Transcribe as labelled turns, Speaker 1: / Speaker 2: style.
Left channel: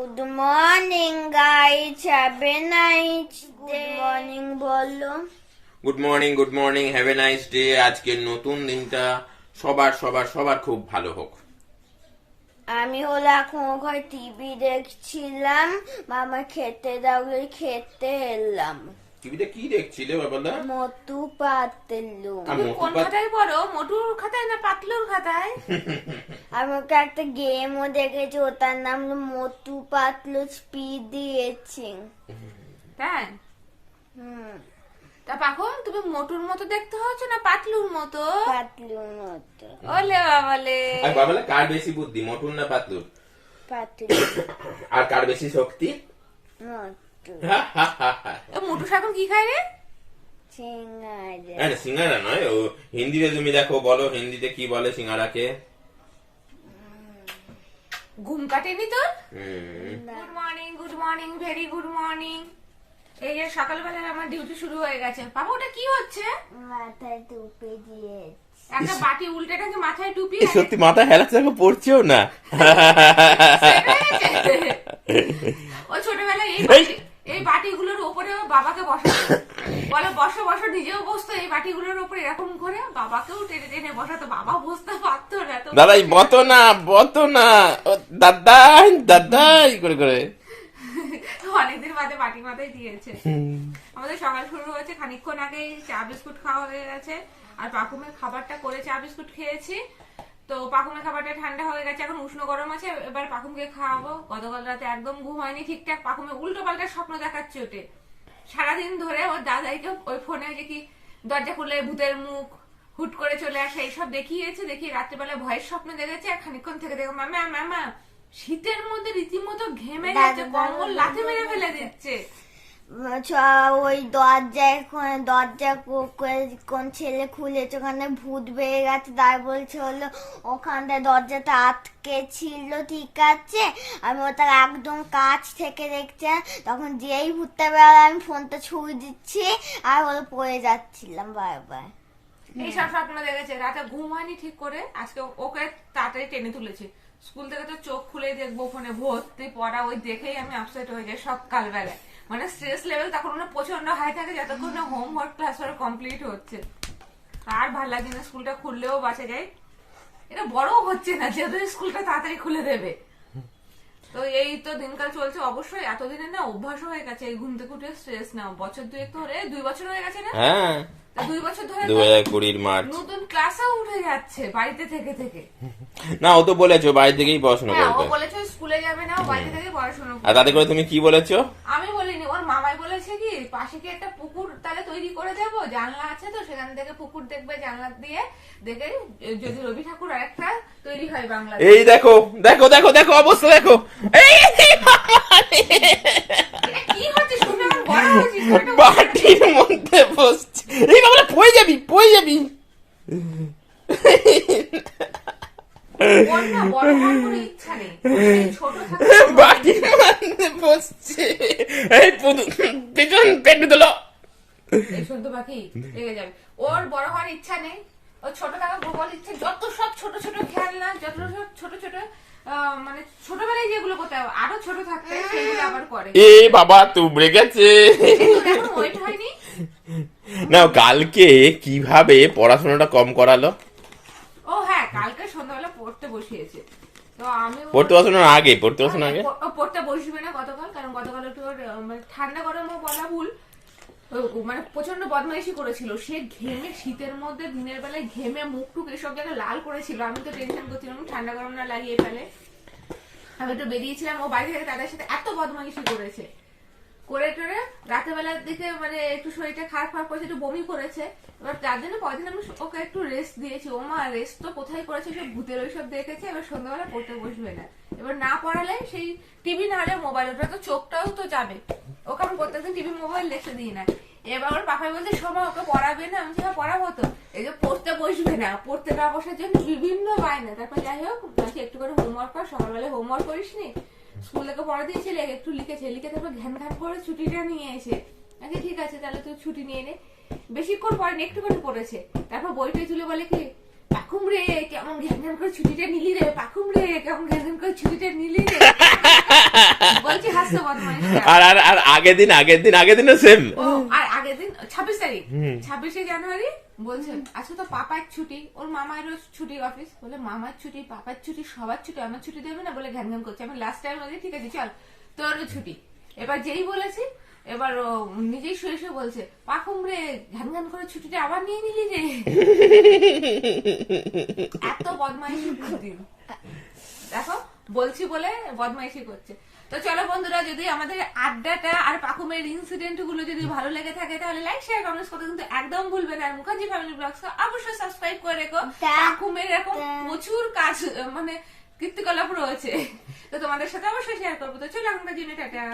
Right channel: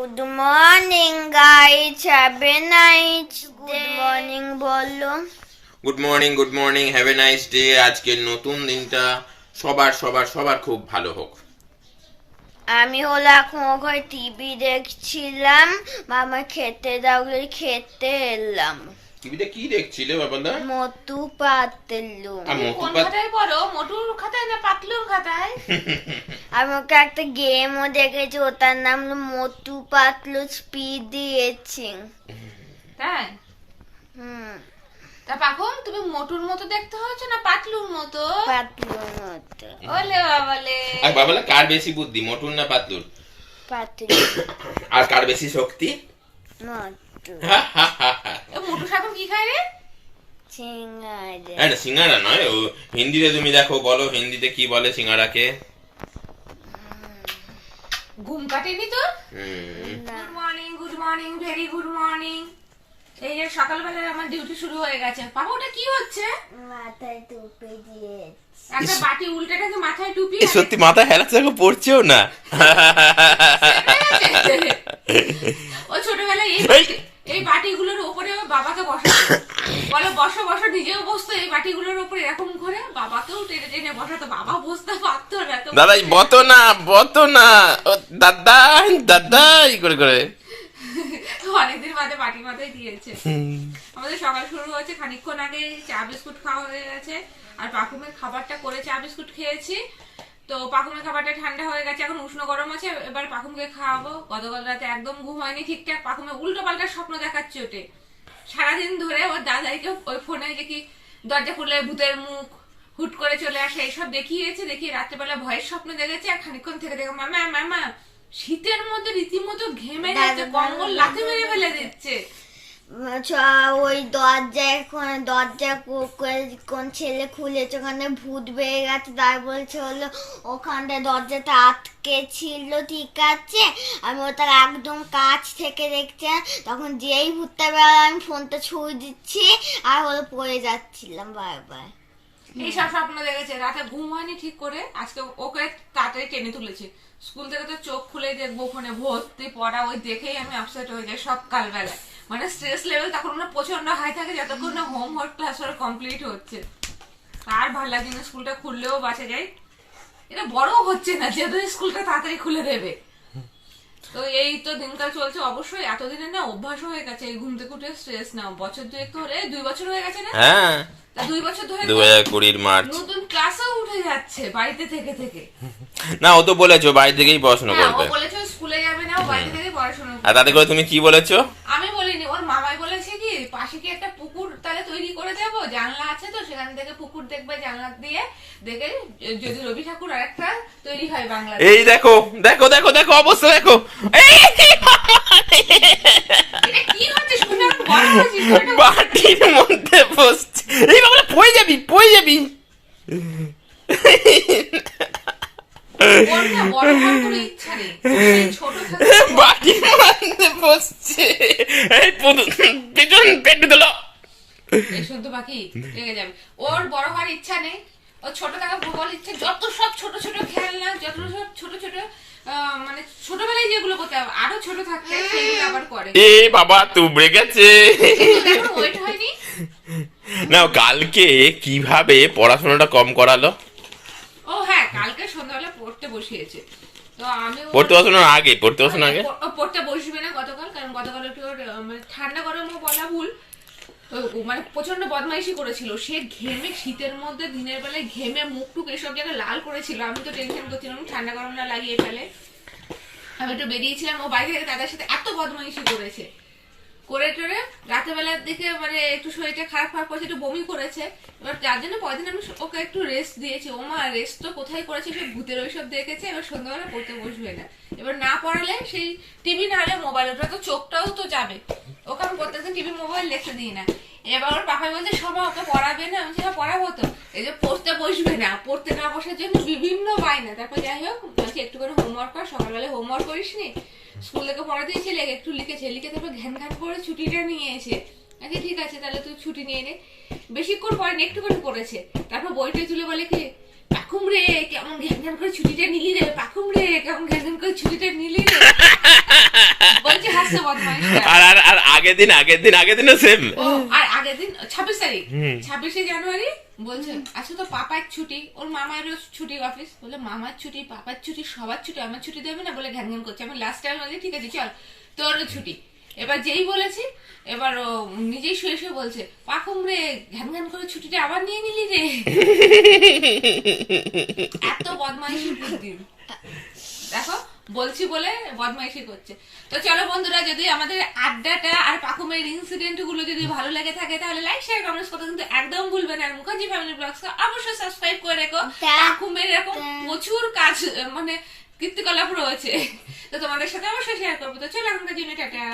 Speaker 1: Good morning guys have a night good morning বলো
Speaker 2: good morning good morning have a nice day আজকের নতুন দিনটা সবার সবার সবার খুব ভালো হোক।
Speaker 1: আমি হলো এখন ওখানে টিভি দেখছিলাম। মামা খেতে দাও খেতে এলাম।
Speaker 2: টিভিতে কি দেখছিলে বাবাদা
Speaker 1: মটু পাতলু।
Speaker 2: মতিপাত
Speaker 3: খাতায় পড়ো? মোটুর খাতায় না পাতলুর খাতায়?
Speaker 1: আমি ওকে একটা গেমও দেখেছি ওটার নাম হলো মোটু পাতলু স্পিড দিয়েছি।
Speaker 3: তাই?
Speaker 1: হুম।
Speaker 3: তা এখন তুমি মোটুর মতো দেখতে হচ্ছে না পাতলুর মতো?
Speaker 1: পাতলুর মতো।
Speaker 3: ওলে বাবালে।
Speaker 2: আর বাবালা কার বেশি বুদ্ধি মোটুর না পাতলুর?
Speaker 1: পাতলু।
Speaker 2: আর কার বেশি শক্তি?
Speaker 1: মটু
Speaker 3: মোটু এখন কি খায় রে?
Speaker 1: সিঙ্গারা।
Speaker 2: এই সিঙ্গারা নয় ও হিন্দিতে তুমি দেখো বলো হিন্দিতে কি বলে সিঙ্গারাকে।
Speaker 3: ঘুম কাটেনি
Speaker 2: হুম,
Speaker 3: good morning good morning very good morning এই যে সকালবেলা আমার ডিউটি শুরু হয়ে গেছে। বাবা ওটা কি হচ্ছে?
Speaker 1: মাথায় টুপি দিয়েছি।
Speaker 3: একটা বাটি উল্টেটাকে মাথায় টুপি
Speaker 2: সত্যি মাথা হেলাচ্ছে দেখো পড়ছেও না?
Speaker 3: ও এই এই! বাটিগুলোর উপরে বাবাকে বসাতো বলে বসো বসো নিজেও বসতো এই বাটিগুলোর উপরে এরকম করে বাবাকেও টেনে টেনে বসাতো। বাবা বসতে পারতো না
Speaker 2: দাদাই বতো না বতো না। দাদাই দাদাই করে করে।
Speaker 3: অনেকদিন বাদে বাটি মাথায় দিয়েছে। আমাদের সকাল শুরু হয়েছে খানিকক্ষণ আগে চা বিস্কুট খাওয়া হয়ে গেছে। আর পাকুমের খাবারটা করে চা বিস্কুট খেয়েছি। তো পাকুমের খাবারটা ঠান্ডা হয়ে গেছে এখন উষ্ণ গরম আছে এবার পাকুমকে খাওয়াবো। গতকাল রাতে একদম ঘুম হয়নি ঠিকঠাক পাকুমে উল্টো পাল্টা স্বপ্ন দেখাচ্ছে ওটে সারাদিন ধরে ওর দাদাইকে ওই ফোনে দেখি দরজা খুললে ভূতের মুখ হুট করে চলে আসে এইসব দেখিয়েছে দেখিয়ে রাত্রেবেলা ভয়ের স্বপ্ন দেখেছে আর খানিকক্ষণ থেকে দেখো ম্যামা ম্যামা শীতের মধ্যে রীতিমতো ঘেমে যাচ্ছে কম্বল লাথি মেরে ফেলে দিচ্ছে।
Speaker 1: ওই দরজায় দরজা কোন ছেলে খুলেছে? ওখানে ভূত বেড়ে গেছে। তাই বলছে হলো, ওখানটা দরজাটা আটকে ছিল, ঠিক আছে? আমি ওটা একদম কাছ থেকে দেখছি। তখন যেই ভূতটা বেরোলো আমি ফোনটা ছুঁয়ে দিচ্ছি আর হলো পড়ে যাচ্ছিলাম বারবার
Speaker 3: এইসব স্বপ্ন দেখেছে। রাতে ঘুম হয়নি ঠিক করে। আজকে ওকে তাড়াতাড়ি টেনে তুলেছে। স্কুল থেকে তো চোখ খুলে দেখব ফোনে ভর্তি পড়া। ওই দেখেই আমি আপসেট হয়ে যাই সকালবেলায় মানে স্ট্রেস লেভেল তখন না প্রচণ্ড হাই থাকে যতক্ষণ না হোমওয়ার্ক ক্লাস ওরা কমপ্লিট হচ্ছে। আর ভালো লাগে না স্কুলটা খুললেও বাঁচা যায়। এটা বড় হচ্ছে না যেহেতু স্কুলটা তাড়াতাড়ি খুলে দেবে। তো এই তো দিনকাল চলছে অবশ্যই এতদিনে না অভ্যাস হয়ে গেছে এই ঘুম থেকে উঠে স্ট্রেস নাও। বছর দুয়েক ধরে দুই বছর হয়ে গেছে না?
Speaker 2: হ্যাঁ।
Speaker 3: তা দুই বছর ধরে
Speaker 2: দু হাজার কুড়ির মার্চ।
Speaker 3: নতুন ক্লাসেও উঠে যাচ্ছে বাড়িতে থেকে থেকে।
Speaker 2: না ও তো বলেছ বাড়ি থেকেই পড়াশোনা
Speaker 3: হ্যাঁ ও বলেছ স্কুলে যাবে না ও বাড়িতে থেকে পড়াশোনা করবে।
Speaker 2: আর তাতে করে তুমি কি বলেছ
Speaker 3: আমি বলিনি ওর মামাই বলেছে কি পাশে কি একটা পুকুর তাহলে তৈরি করে দেবো? জানলা আছে তো সেখান থেকে পুকুর দেখবে জানলা দিয়ে দেখে যদি রবি ঠাকুর আর একটা তৈরি হয় বাংলা
Speaker 2: এই দেখো দেখো দেখো দেখো অবস্থা দেখো। এই
Speaker 3: কি হচ্ছে?
Speaker 2: বাটির মধ্যে বসছে। এই বাবা পড়ে যাবি পয়ে যাবি
Speaker 3: ওর না বড় হওয়ার কোনো ইচ্ছা নেই সেই ছোট থাকতে
Speaker 2: মধ্যে বসছে। এই পেছন পেটে দিল।
Speaker 3: এই শুদ্ধ পাখি রেগে যাবে। ওর বড় হওয়ার ইচ্ছা নেই। ও ছোট থাকা ভূগোল ইচ্ছে যত সব ছোট ছোট খেলনা যত সব ছোট ছোট মানে ছোটবেলায় যেগুলো করতে হবে আরও ছোট থাকতে সেগুলো আবার করে।
Speaker 2: এ বাবা তুবড়ে গেছে।
Speaker 3: ওয়েট হয়নি?
Speaker 2: না কালকে কীভাবে পড়াশোনাটা কম করালো?
Speaker 3: ও হ্যাঁ কালকে বসিয়েছে। তো আমি
Speaker 2: পড়তে বসানোর আগে পড়তে বসানোর আগে?
Speaker 3: পড়তে বসবে না গতকাল কারণ গতকাল একটু মানে ঠান্ডা গরমও বলা ভুল। ও ও মানে প্রচণ্ড বদমাইশি করেছিল। সে ঘেমে শীতের মধ্যে দিনের বেলায় ঘেমে মুখ টুক এসব জায়গায় লাল করেছিল। আমি তো টেনশন করছিলাম ঠান্ডা গরম না লাগিয়ে ফেলে। আমি একটু বেরিয়েছিলাম ও বাইরে থেকে তাদের সাথে এত বদমাইশি করেছে। করে টেরে রাতের বেলার দিকে মানে একটু শরীরটা খারাপ খারাপ করেছে একটু বমি করেছে। এবার যার জন্য পরদিন আমি ওকে একটু রেস্ট দিয়েছি। ও মা রেস্ট তো কোথায় করেছে? সে ভূতের ওইসব দেখেছে, এবার সন্ধ্যাবেলা পড়তে বসবে না। এবার না পড়ালে সেই টিভি না হলে মোবাইল ওটা তো চোখটাও তো যাবে। ওকে আমি প্রত্যেকদিন টিভি মোবাইল লেখতে দিই না। এবার ওর পাপাই বলছে সময় ওকে পড়াবে না? আমি সেটা পড়াবো তো। এই যে পড়তে বসবে না, পড়তে না বসার জন্য বিভিন্ন বায়না। তারপর যাই হোক একটু করে হোমওয়ার্ক কর সকালবেলা হোমওয়ার্ক করিস নি স্কুল থেকে দিয়েছে, লেগে একটু লিখেছে। লিখে তারপর ঘ্যান ঘ্যান করে ছুটিটা নিয়ে এসে আচ্ছা ঠিক আছে, তাহলে তুই ছুটি নিয়ে নে। বেশিক্ষণ পরে একটু করে পড়েছে। তারপর বইটা তুলে বলে কি কেমন ঘ্যান করে ছুটিটা নিলি রে? পাখুম রে কেমন ঘ্যান করে ছুটিটা নিলি রে?
Speaker 2: আর আর আর আগের দিন আগের দিন আগের দিনও সেম
Speaker 3: আর আগের দিন ছাব্বিশ তারিখ।
Speaker 2: হুম।
Speaker 3: ছাব্বিশে জানুয়ারি বলছে আজকে তো পাপার ছুটি। ওর মামারও ছুটি অফিস বলে মামার ছুটি পাপার ছুটি সবার ছুটি আমার ছুটি দেবে না? বলে ঘ্যান ঘ্যান করছে। আমি লাস্ট টাইম বলছি ঠিক আছে চল তোরও ছুটি। এবার যেই বলেছি এবার ও নিজেই শুয়ে শুয়ে বলছে পাকুম রে ঘ্যান ঘ্যান করে ছুটিটা আবার নিয়ে নিলি রে এত বদমাইশি বুদ্ধি। দেখো বলছি বলে বদমাইশি করছে। তো চলো বন্ধুরা যদি আমাদের আড্ডাটা আর পাকুমের ইনসিডেন্টগুলো যদি ভালো লেগে থাকে তাহলে লাইক শেয়ার কমেন্টস করতে কিন্তু একদম ভুলবে না। আর মুখার্জি ফ্যামিলি ব্লগস অবশ্যই সাবস্ক্রাইব করে রেখো। পাকুমের এরকম প্রচুর কাজ মানে কীর্তিকলাপ রয়েছে। তো তোমাদের সাথে অবশ্যই শেয়ার করব। তো চলো আমরা জন্য টাটা।